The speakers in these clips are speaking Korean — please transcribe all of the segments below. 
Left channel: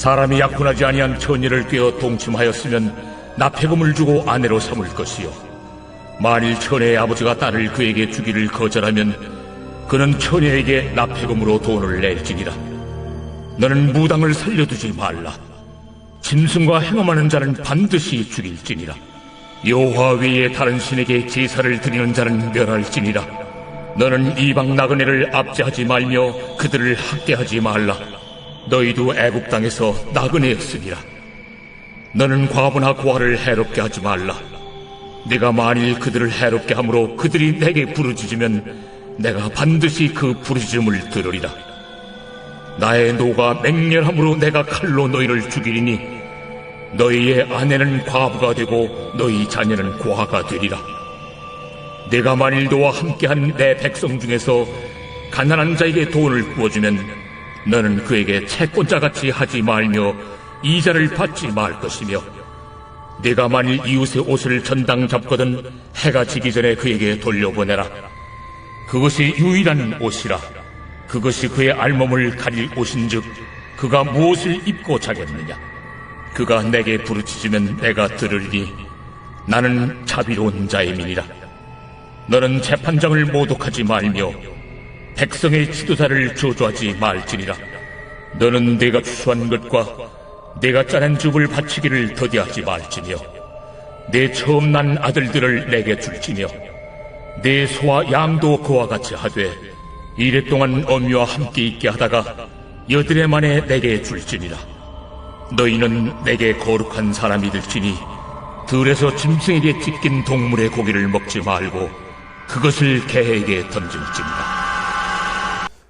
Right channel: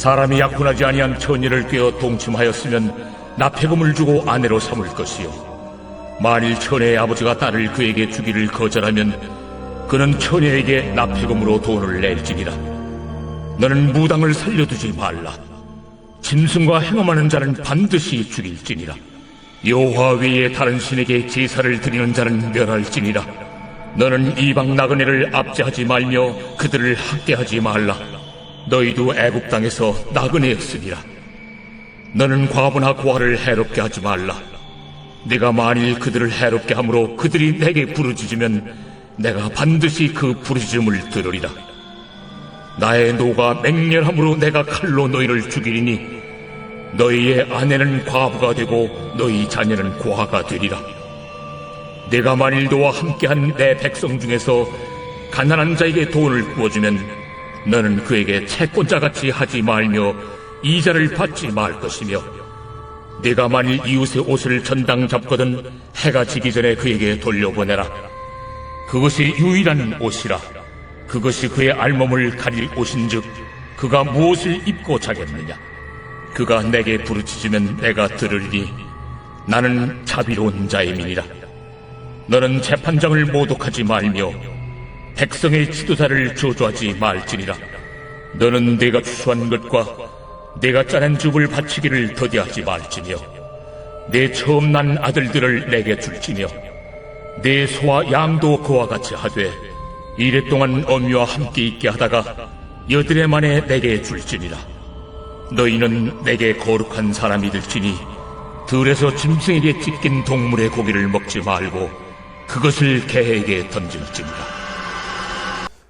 사람이 약혼하지 아니한 처녀를 꿰어 동침하였으면 납폐금을 주고 아내로 삼을 것이요, 만일 처녀의 아버지가 딸을 그에게 주기를 거절하면 그는 처녀에게 납폐금으로 돈을 낼지니라. 너는 무당을 살려두지 말라. 짐승과 행음하는 자는 반드시 죽일지니라. 여호와 외에 다른 신에게 제사를 드리는 자는 멸할지니라. 너는 이방 나그네를 압제하지 말며 그들을 학대하지 말라. 너희도 애굽 땅에서 나그네였으니라. 너는 과부나 고아를 해롭게 하지 말라. 내가 만일 그들을 해롭게 함으로 그들이 내게 부르짖으면 내가 반드시 그 부르짖음을 들으리라. 나의 노가 맹렬함으로 내가 칼로 너희를 죽이리니 너희의 아내는 과부가 되고 너희 자녀는 고아가 되리라. 내가 만일 너와 함께한 내 백성 중에서 가난한 자에게 돈을 구워주면 너는 그에게 채권자같이 하지 말며 이자를 받지 말 것이며, 내가 만일 이웃의 옷을 전당 잡거든 해가 지기 전에 그에게 돌려보내라. 그것이 유일한 옷이라. 그것이 그의 알몸을 가릴 옷인즉 그가 무엇을 입고 자겠느냐. 그가 내게 부르짖으면 내가 들으리니 나는 자비로운 자임이니라. 너는 재판장을 모독하지 말며 백성의 지도자를 저주하지 말지니라. 너는 내가 추수한 것과 내가 짜낸 즙을 바치기를 더디하지 말지며, 내 처음 난 아들들을 내게 줄지며, 내 소와 양도 그와 같이 하되 이랫동안 어미와 함께 있게 하다가 여드레 만에 내게 줄지니라. 너희는 내게 거룩한 사람이 될지니 들에서 짐승에게 찢긴 동물의 고기를 먹지 말고 그것을 개에게 던질지니라.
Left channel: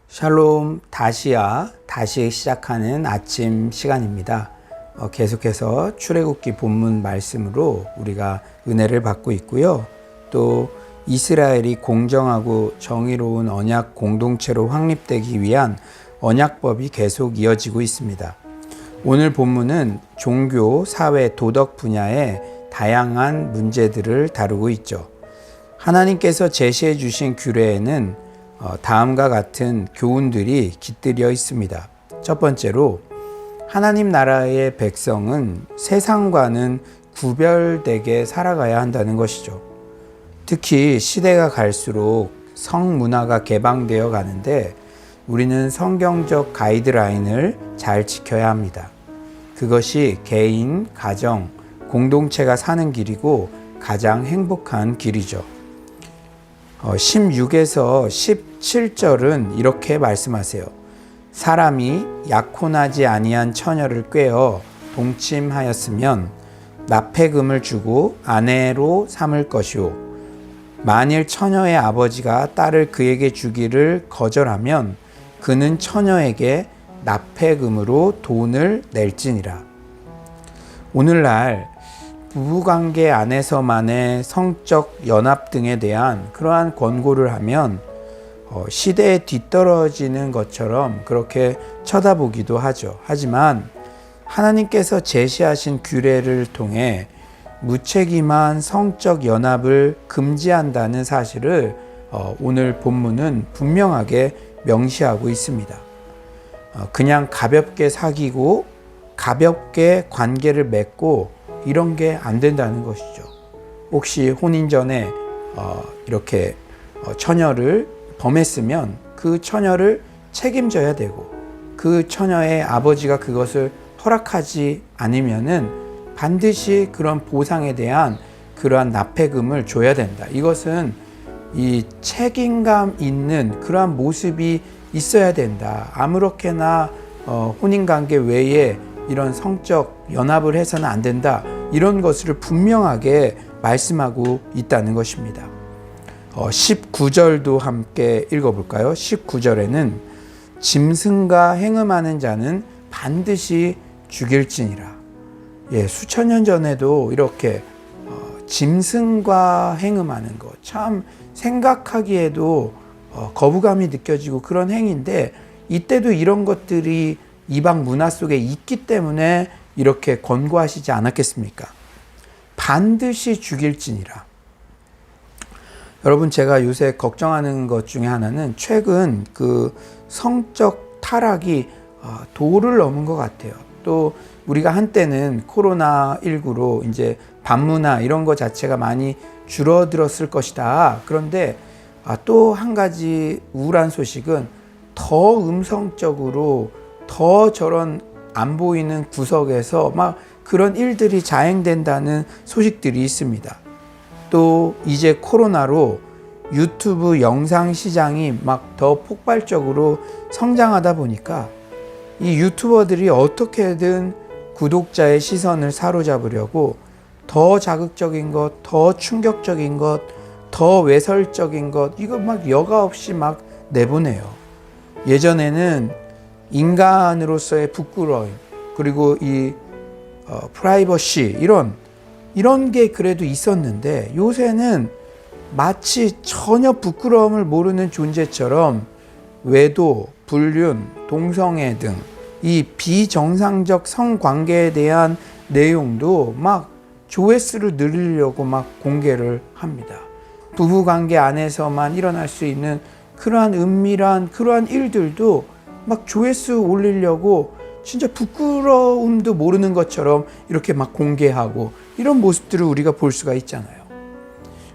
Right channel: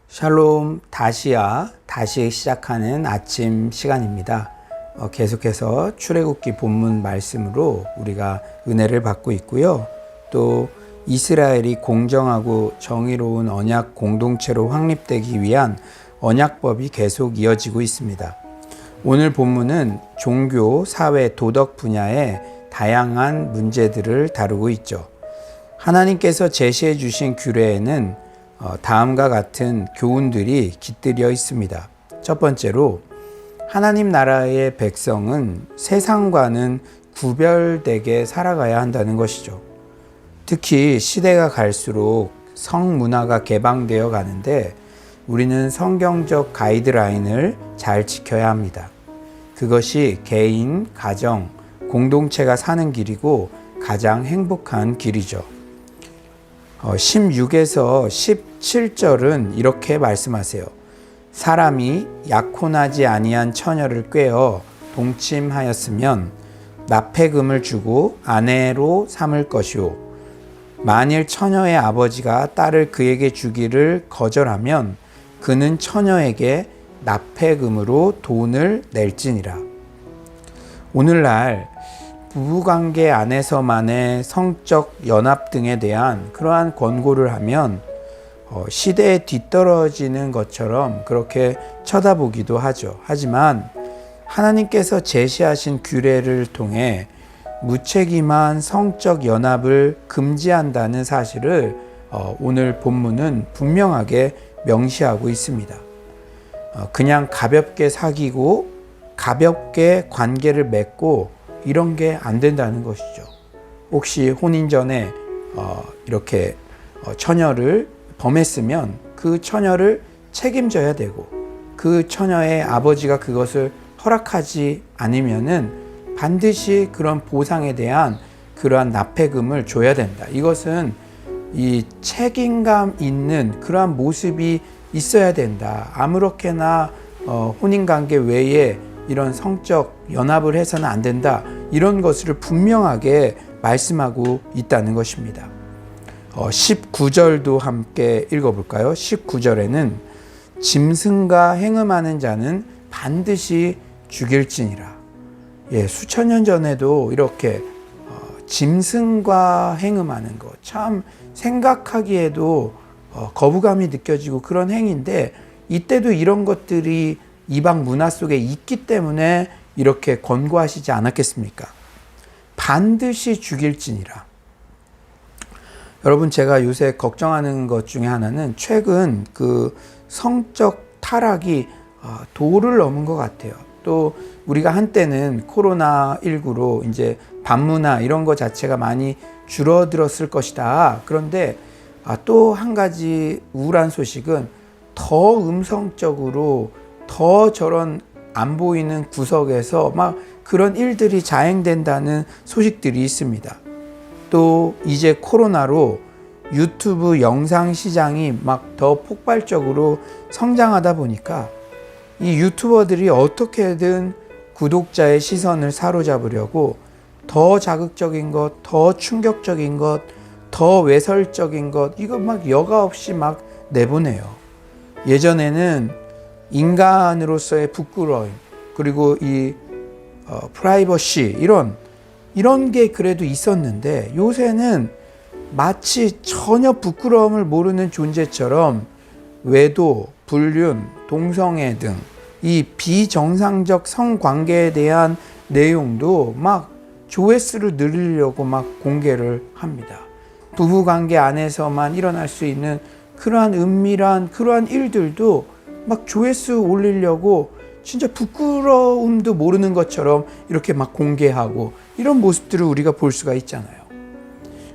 샬롬, 다시 시작하는 아침 시간입니다. 계속해서 출애굽기 본문 말씀으로 우리가 은혜를 받고 있고요. 또 이스라엘이 공정하고 정의로운 언약 공동체로 확립되기 위한 언약법이 계속 이어지고 있습니다. 오늘 본문은 종교, 사회, 도덕 분야의 다양한 문제들을 다루고 있죠. 하나님께서 제시해 주신 규례에는 다음과 같은 교훈들이 깃들여 있습니다. 첫 번째로, 하나님 나라의 백성은 세상과는 구별되게 살아가야 한다는 것이죠. 특히 시대가 갈수록 성문화가 개방되어 가는데 우리는 성경적 가이드라인을 잘 지켜야 합니다. 그것이 개인, 가정, 공동체가 사는 길이고 가장 행복한 길이죠. 16에서 17절은 이렇게 말씀하세요. 사람이 약혼하지 아니한 처녀를 꿰어 동침하였으면 납폐금을 주고 아내로 삼을 것이요, 만일 처녀의 아버지가 딸을 그에게 주기를 거절하면 그는 처녀에게 납폐금으로 돈을 낼지니라. 오늘날 부부관계 안에서만의 성적 연합 등에 대한 그러한 권고를 하면 시대에 뒤떨어지는 것처럼 그렇게 쳐다보기도 하죠. 하지만 하나님께서 제시하신 규례를 통해 무책임한 성적 연합을 금지한다는 사실을 오늘 본문은 분명하게 명시하고 있습니다. 그냥 가볍게 사귀고 가볍게 관계를 맺고 이런 게 안 된다는 것이죠. 혹시 혼인 전에 이렇게 처녀를 범했으면 그 처녀를 책임져야 되고, 그 처녀의 아버지가 그것을 허락하지 않으면은 반드시 그런 보상에 대한 그러한 납폐금을 줘야 된다. 이것은 이 책임감 있는 그러한 모습이 있어야 된다. 아무렇게나 혼인관계 외에 이런 성적 연합을 해서는 안 된다. 이런 것을 분명하게 말씀하고 있다는 것입니다. 19절도 함께 읽어볼까요? 19절에는 짐승과 행음하는 자는 반드시 죽일지니라. 수천 년 전에도 이렇게 짐승과 행음하는 것, 참 생각하기에도 거부감이 느껴지고 그런 행위인데, 이때도 이런 것들이 이방 문화 속에 있기 때문에 이렇게 권고하시지 않았겠습니까? 반드시 죽일지니라. 여러분, 제가 요새 걱정하는 것 중에 하나는 최근 그 성적 타락이 도를 넘은 것 같아요. 또 우리가 한때는 코로나19로 이제 반문화 이런 거 자체가 많이 줄어들었을 것이다. 그런데 또 한 가지 우울한 소식은 더 음성적으로 더 저런 안 보이는 구석에서 막 그런 일들이 자행된다는 소식들이 있습니다. 또 이제 코로나로 유튜브 영상 시장이 막 더 폭발적으로 성장하다 보니까 이 유튜버들이 어떻게든 구독자의 시선을 사로잡으려고 더 자극적인 것, 더 충격적인 것, 더 외설적인 것, 이거 막 여과 없이 막 내보내요. 예전에는 인간으로서의 부끄러움, 그리고 이 프라이버시 이런 게 그래도 있었는데 요새는 마치 전혀 부끄러움을 모르는 존재처럼 외도, 불륜, 동성애 등 이 비정상적 성관계에 대한 내용도 막 조회수를 늘리려고 막 공개를 합니다. 부부관계 안에서만 일어날 수 있는 그러한 은밀한 그러한 일들도 막 조회수 올리려고 진짜 부끄러움도 모르는 것처럼 이렇게 막 공개하고 이런 모습들을 우리가 볼 수가 있잖아요.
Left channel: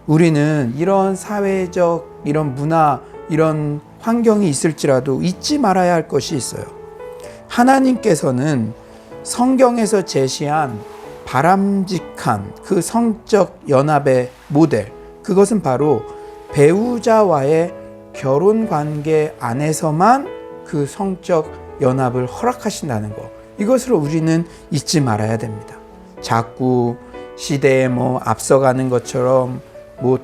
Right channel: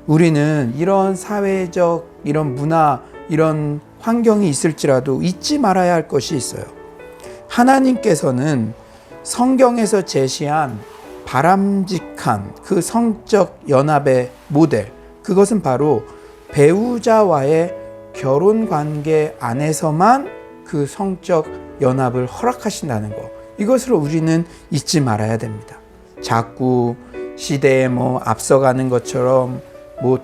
우리는 이런 사회적, 이런 문화, 이런 환경이 있을지라도 잊지 말아야 할 것이 있어요. 하나님께서는 성경에서 제시한 바람직한 그 성적 연합의 모델, 그것은 바로 배우자와의 결혼 관계 안에서만 그 성적 연합을 허락하신다는 것. 이것을 우리는 잊지 말아야 됩니다. 자꾸 시대에 앞서가는 것처럼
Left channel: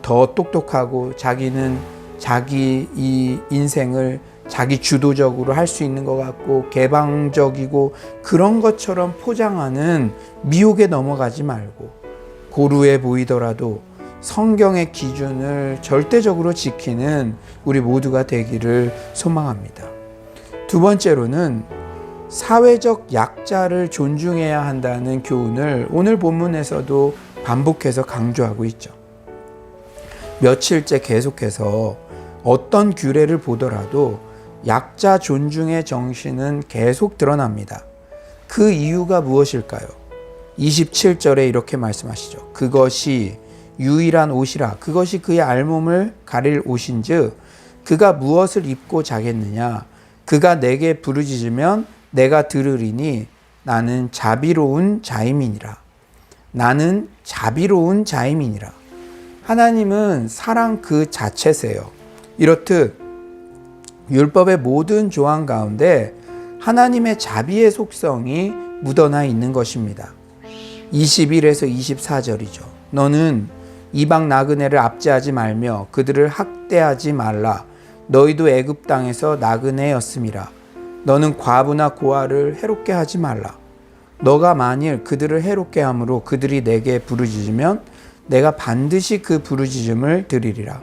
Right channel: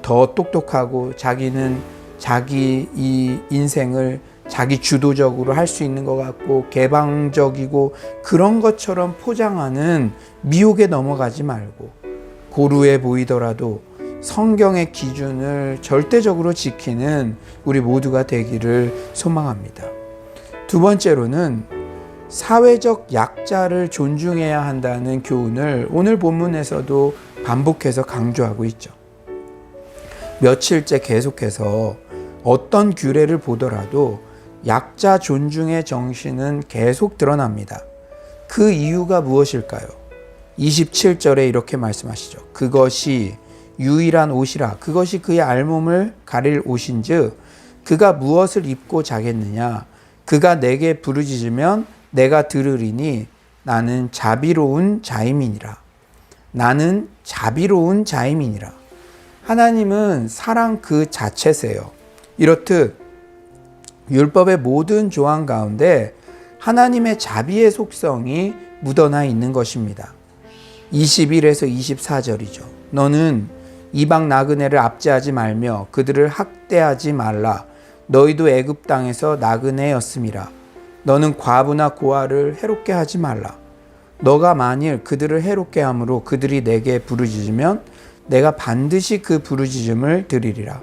더 똑똑하고 자기는 자기 이 인생을 자기 주도적으로 할 수 있는 것 같고 개방적이고 그런 것처럼 포장하는 미혹에 넘어가지 말고 고루해 보이더라도 성경의 기준을 절대적으로 지키는 우리 모두가 되기를 소망합니다. 두 번째로는 사회적 약자를 존중해야 한다는 교훈을 오늘 본문에서도 반복해서 강조하고 있죠. 며칠째 계속해서 어떤 규례를 보더라도 약자 존중의 정신은 계속 드러납니다. 그 이유가 무엇일까요? 27절에 이렇게 말씀하시죠. 그것이 유일한 옷이라. 그것이 그의 알몸을 가릴 옷인즉 그가 무엇을 입고 자겠느냐. 그가 내게 부르짖으면 내가 들으리니 나는 자비로운 자임이니라. 나는 자비로운 자임이니라. 하나님은 사랑 그 자체세요. 이렇듯 율법의 모든 조항 가운데 하나님의 자비의 속성이 묻어나 있는 것입니다. 21에서 24절이죠. 너는 이방 나그네를 압제하지 말며 그들을 학대하지 말라. 너희도 애굽 땅에서 나그네였음이라. 너는 과부나 고아를 해롭게 하지 말라. 너가 만일 그들을 해롭게 함으로 그들이 내게 부르짖으면 내가 반드시 그 부르짖음을 들으리라.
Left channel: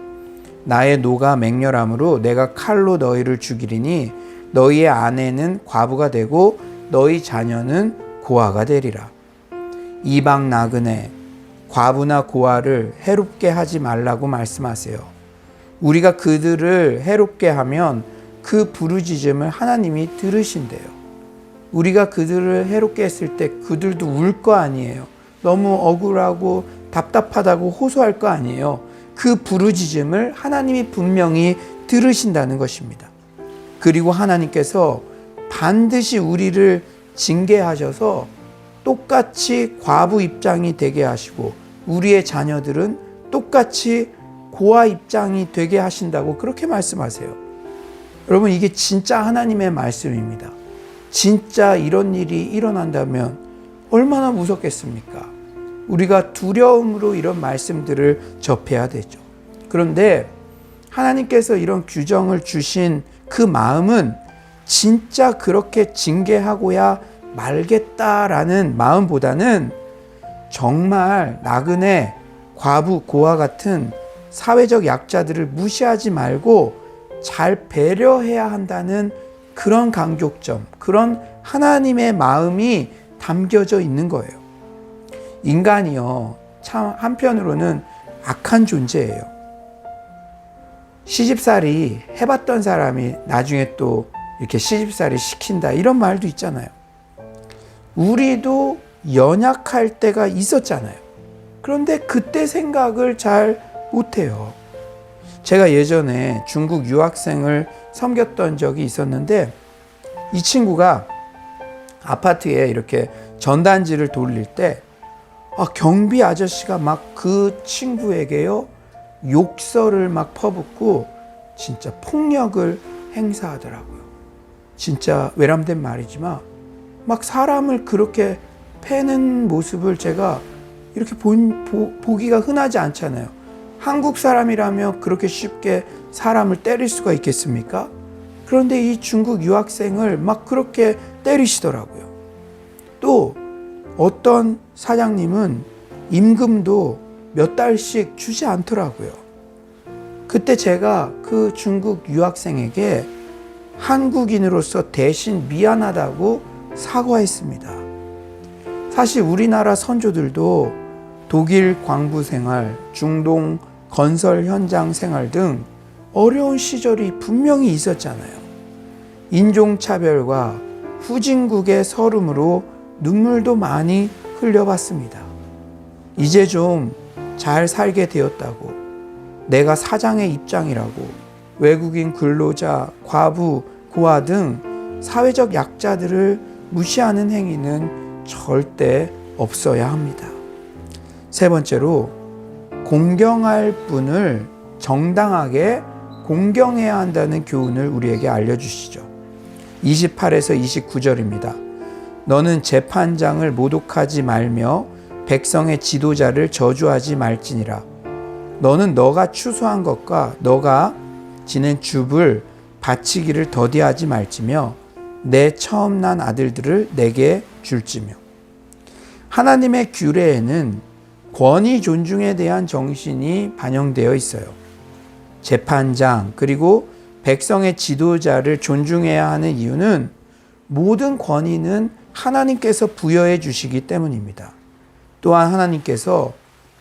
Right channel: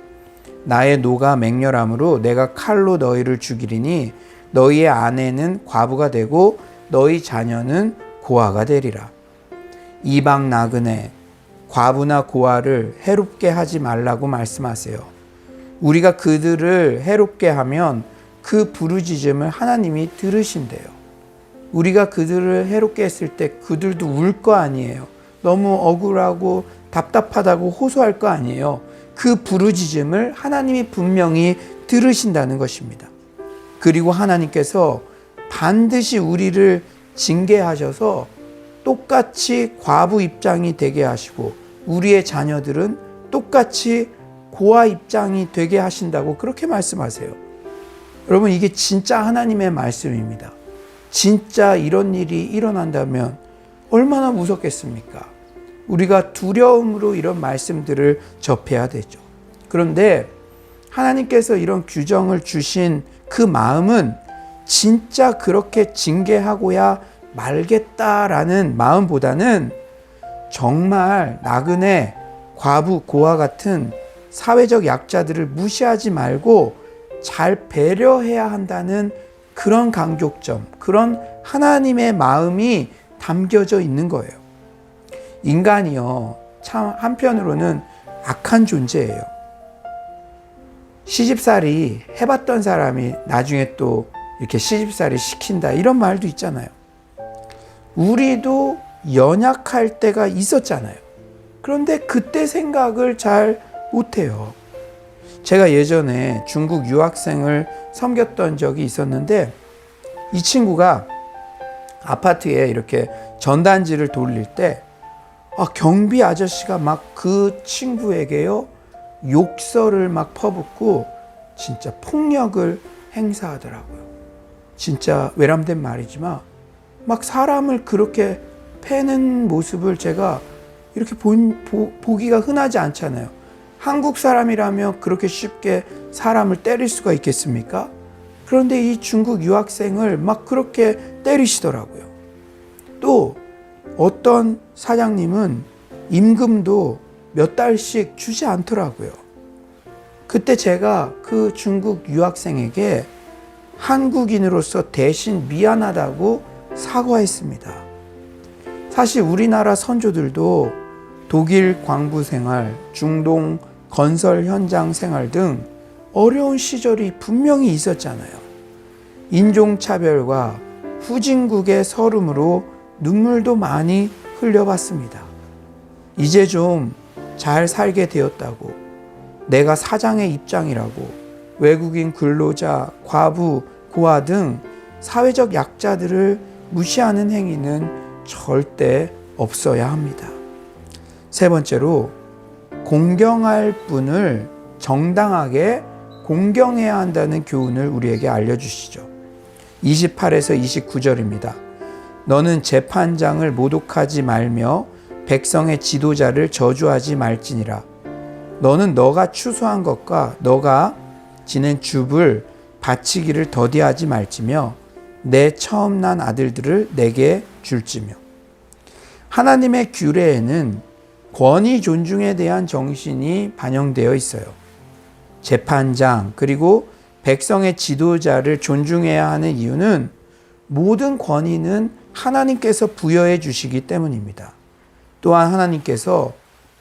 나의 노가 맹렬함으로 내가 칼로 너희를 죽이리니 너희의 아내는 과부가 되고 너희 자녀는 고아가 되리라. 이방 나그네, 과부나 고아를 해롭게 하지 말라고 말씀하세요. 우리가 그들을 해롭게 하면 그 부르짖음을 하나님이 들으신대요. 우리가 그들을 해롭게 했을 때 그들도 울 거 아니에요. 너무 억울하고 답답하다고 호소할 거 아니에요. 그 부르짖음을 하나님이 분명히 들으신다는 것입니다. 그리고 하나님께서 반드시 우리를 징계하셔서 똑같이 과부 입장이 되게 하시고 우리의 자녀들은 똑같이 고아 입장이 되게 하신다고 그렇게 말씀하세요. 여러분, 이게 진짜 하나님의 말씀입니다. 진짜 이런 일이 일어난다면 얼마나 무섭겠습니까? 우리가 두려움으로 이런 말씀들을 접해야 되죠. 그런데 하나님께서 이런 규정을 주신 그 마음은 진짜 그렇게 징계하고야 말겠다라는 마음보다는 정말 나그네, 과부, 고아 같은 사회적 약자들을 무시하지 말고 잘 배려해야 한다는 그런 강조점, 그런 하나님의 마음이 담겨져 있는 거예요. 인간이요, 참 한편으로는 악한 존재예요. 시집살이 해봤던 사람이 나중에 또 이렇게 시집살이 시킨다, 이런 말도 있잖아요. 우리도 연약할 때가 있었잖아요. 그런데 그때 생각을 잘 못해요. 제가 예전에 중국 유학생을 섬겼던 적이 있었는데 이 친구가 아파트에 이렇게 전단지를 돌릴 때 경비 아저씨가 막 그 친구에게요 욕설을 막 퍼붓고 진짜 폭력을 행사하더라고요. 진짜 외람된 말이지만 막 사람을 그렇게 패는 모습을 제가 이렇게 보기가 흔하지 않잖아요. 한국 사람이라면 그렇게 쉽게 사람을 때릴 수가 있겠습니까? 그런데 이 중국 유학생을 막 그렇게 때리시더라고요. 또 어떤 사장님은 임금도 몇 달씩 주지 않더라고요. 그때 제가 그 중국 유학생에게 한국인으로서 대신 미안하다고 사과했습니다. 사실 우리나라 선조들도 독일 광부 생활, 중동 건설 현장 생활 등 어려운 시절이 분명히 있었잖아요. 인종차별과 후진국의 서름으로 눈물도 많이 흘려봤습니다. 이제 좀 잘 살게 되었다고, 내가 사장의 입장이라고 외국인 근로자, 과부, 고아 등 사회적 약자들을 무시하는 행위는 절대 없어야 합니다. 세 번째로, 공경할 분을 정당하게 공경해야 한다는 교훈을 우리에게 알려주시죠. 28에서 29절입니다. 너는 재판장을 모독하지 말며 백성의 지도자를 저주하지 말지니라. 너는 너가 추수한 것과 너가 지낸 줍을 바치기를 더디하지 말지며 내 처음 난 아들들을 내게 줄지며. 하나님의 규례에는 권위 존중에 대한 정신이 반영되어 있어요. 재판장 그리고 백성의 지도자를 존중해야 하는 이유는 모든 권위는 하나님께서 부여해 주시기 때문입니다. 또한 하나님께서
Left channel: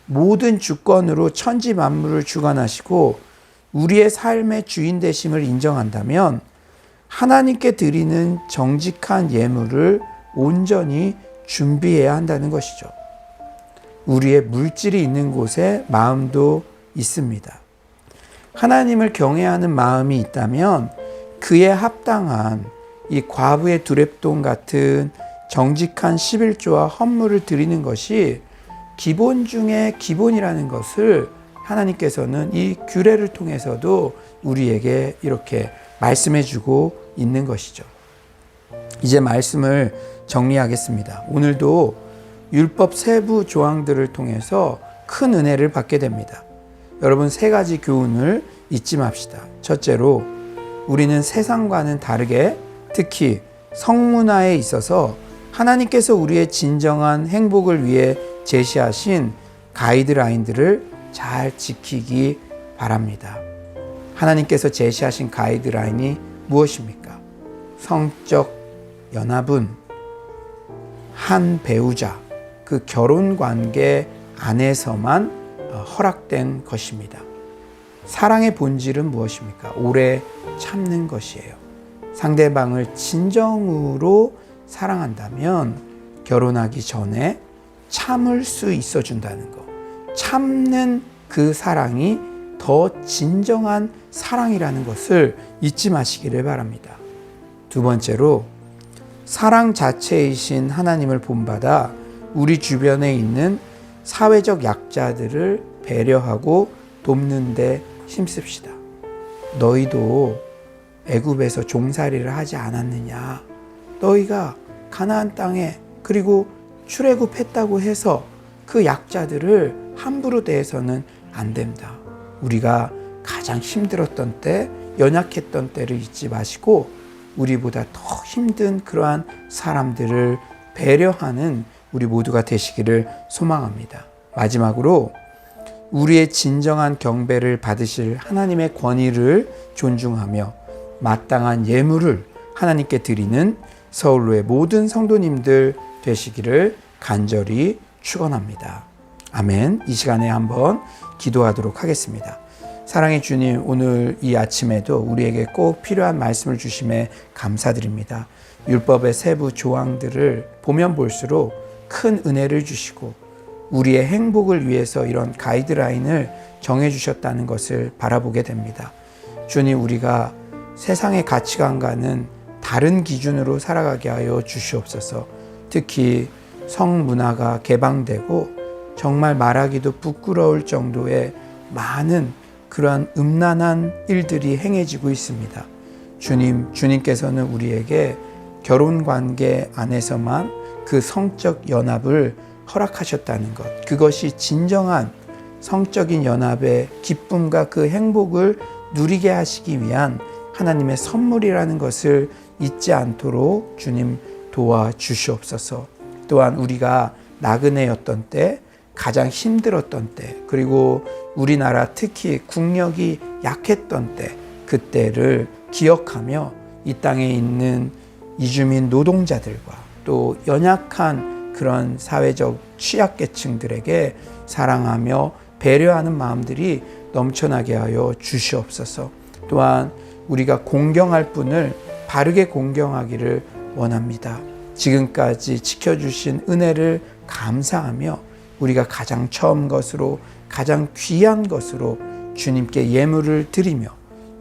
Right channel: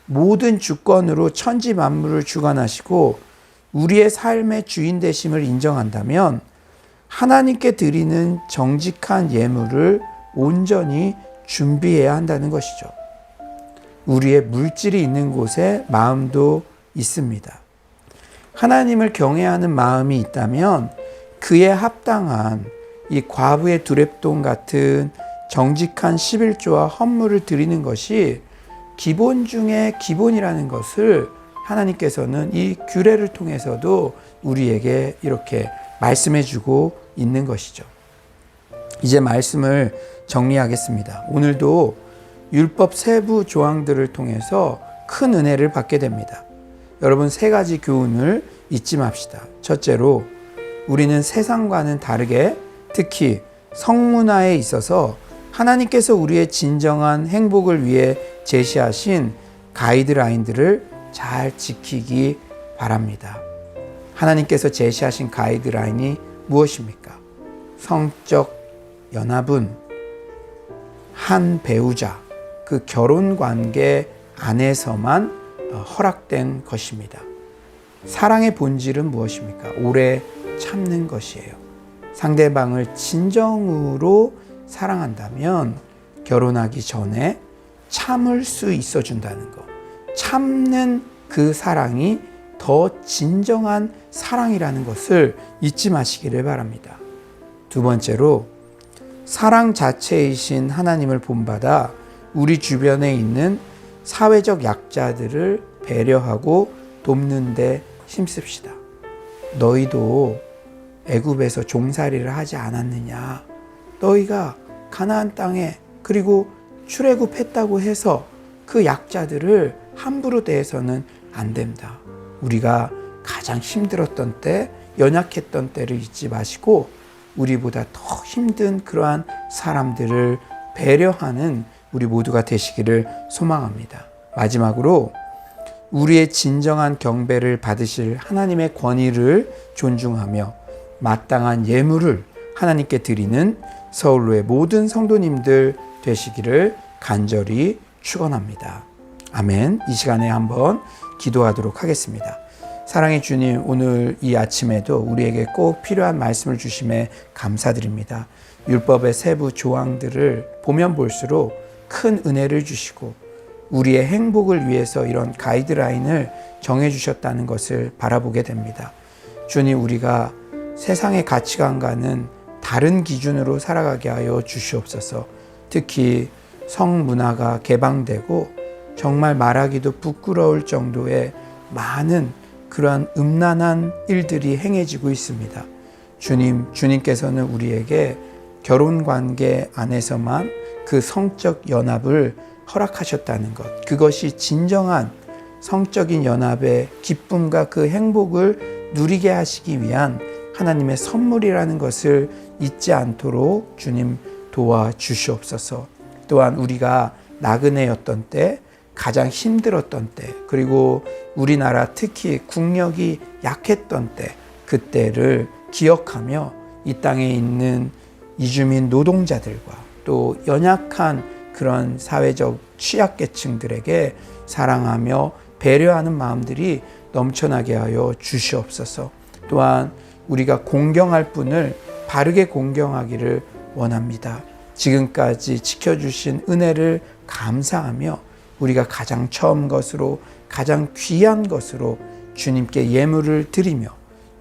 모든 주권으로 천지 만물을 주관하시고 우리의 삶의 주인 되심을 인정한다면 하나님께 드리는 정직한 예물을 온전히 준비해야 한다는 것이죠. 우리의 물질이 있는 곳에 마음도 있습니다. 하나님을 경외하는 마음이 있다면 그에 합당한 이 과부의 두렙돈 같은 정직한 11조와 헌물을 드리는 것이 기본 중에 기본이라는 것을 하나님께서는 이 규례를 통해서도 우리에게 이렇게 말씀해 주고 있는 것이죠. 이제 말씀을 정리하겠습니다. 오늘도 율법 세부 조항들을 통해서 큰 은혜를 받게 됩니다. 여러분, 세 가지 교훈을 잊지 맙시다. 첫째로, 우리는 세상과는 다르게 특히 성문화에 있어서 하나님께서 우리의 진정한 행복을 위해 제시하신 가이드라인들을 잘 지키기 바랍니다. 하나님께서 제시하신 가이드라인이 무엇입니까? 성적 연합은 한 배우자, 그 결혼 관계 안에서만 허락된 것입니다. 사랑의 본질은 무엇입니까? 오래 참는 것이에요. 상대방을 진정으로 사랑한다면 결혼하기 전에 참을 수 있어 준다는 것. 참는 그 사랑이 더 진정한 사랑이라는 것을 잊지 마시기를 바랍니다. 두 번째로, 사랑 자체이신 하나님을 본받아 우리 주변에 있는 사회적 약자들을 배려하고 돕는 데 힘씁시다. 너희도 애굽에서 종살이를 하지 않았느냐? 너희가 가나안 땅에 그리고 출애굽했다고 해서 그 약자들을 함부로 대해서는 안 된다. 우리가 가장 힘들었던 때, 연약했던 때를 잊지 마시고 우리보다 더 힘든 그러한 사람들을 배려하는 우리 모두가 되시기를 소망합니다. 마지막으로, 우리의 진정한 경배를 받으실 하나님의 권위를 존중하며 마땅한 예물을 하나님께 드리는 서울로의 모든 성도님들 되시기를 간절히 축원합니다. 아멘. 이 시간에 한번 기도하도록 하겠습니다. 사랑의 주님, 오늘 이 아침에도 우리에게 꼭 필요한 말씀을 주심에 감사드립니다. 율법의 세부 조항들을 보면 볼수록 큰 은혜를 주시고 우리의 행복을 위해서 이런 가이드라인을 정해주셨다는 것을 바라보게 됩니다. 주님, 우리가 세상의 가치관과는 다른 기준으로 살아가게 하여 주시옵소서. 특히 성문화가 개방되고 정말 말하기도 부끄러울 정도의 많은 그러한 음란한 일들이 행해지고 있습니다. 주님께서는 우리에게 결혼 관계 안에서만 그 성적 연합을 허락하셨다는 것, 그것이 진정한 성적인 연합의 기쁨과 그 행복을 누리게 하시기 위한 하나님의 선물이라는 것을 잊지 않도록 주님 도와주시옵소서. 또한 우리가 나그네였던 때, 가장 힘들었던 때, 그리고 우리나라 특히 국력이 약했던 때, 그때를 기억하며 이 땅에 있는 이주민 노동자들과 또 연약한 그런 사회적 취약계층들에게 사랑하며 배려하는 마음들이 넘쳐나게 하여 주시옵소서. 또한 우리가 공경할 분을 바르게 공경하기를 원합니다. 지금까지 지켜주신 은혜를 감사하며 우리가 가장 처음 것으로, 가장 귀한 것으로 주님께 예물을 드리며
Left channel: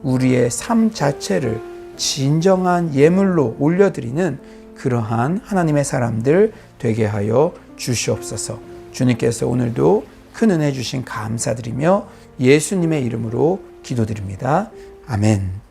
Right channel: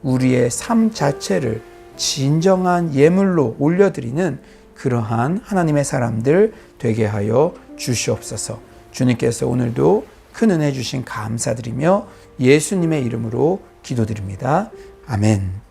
우리의 삶 자체를 진정한 예물로 올려드리는 그러한 하나님의 사람들 되게 하여 주시옵소서. 주님께서 오늘도 큰 은혜 주신 감사드리며 예수님의 이름으로 기도드립니다. 아멘.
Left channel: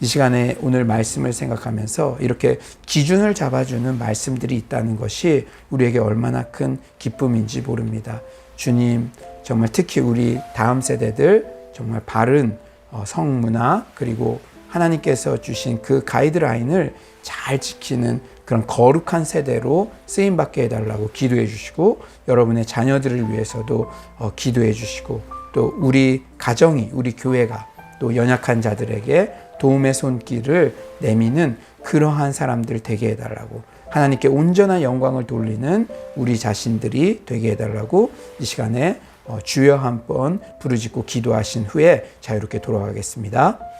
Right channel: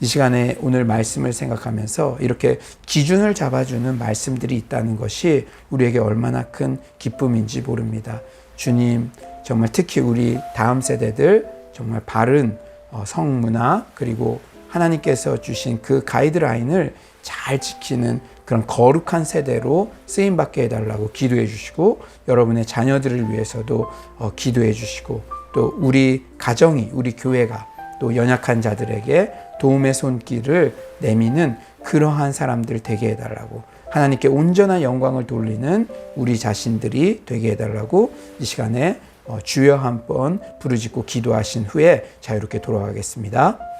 이 시간에 오늘 말씀을 생각하면서 이렇게 기준을 잡아주는 말씀들이 있다는 것이 우리에게 얼마나 큰 기쁨인지 모릅니다. 주님, 정말 특히 우리 다음 세대들 정말 바른 성문화, 그리고 하나님께서 주신 그 가이드라인을 잘 지키는 그런 거룩한 세대로 쓰임받게 해달라고 기도해 주시고, 여러분의 자녀들을 위해서도 기도해 주시고, 또 우리 가정이, 우리 교회가 또 연약한 자들에게 도움의 손길을 내미는 그러한 사람들 되게 해달라고, 하나님께 온전한 영광을 돌리는 우리 자신들이 되게 해달라고 이 시간에 주여 한번 부르짖고 기도하신 후에 자유롭게 돌아가겠습니다.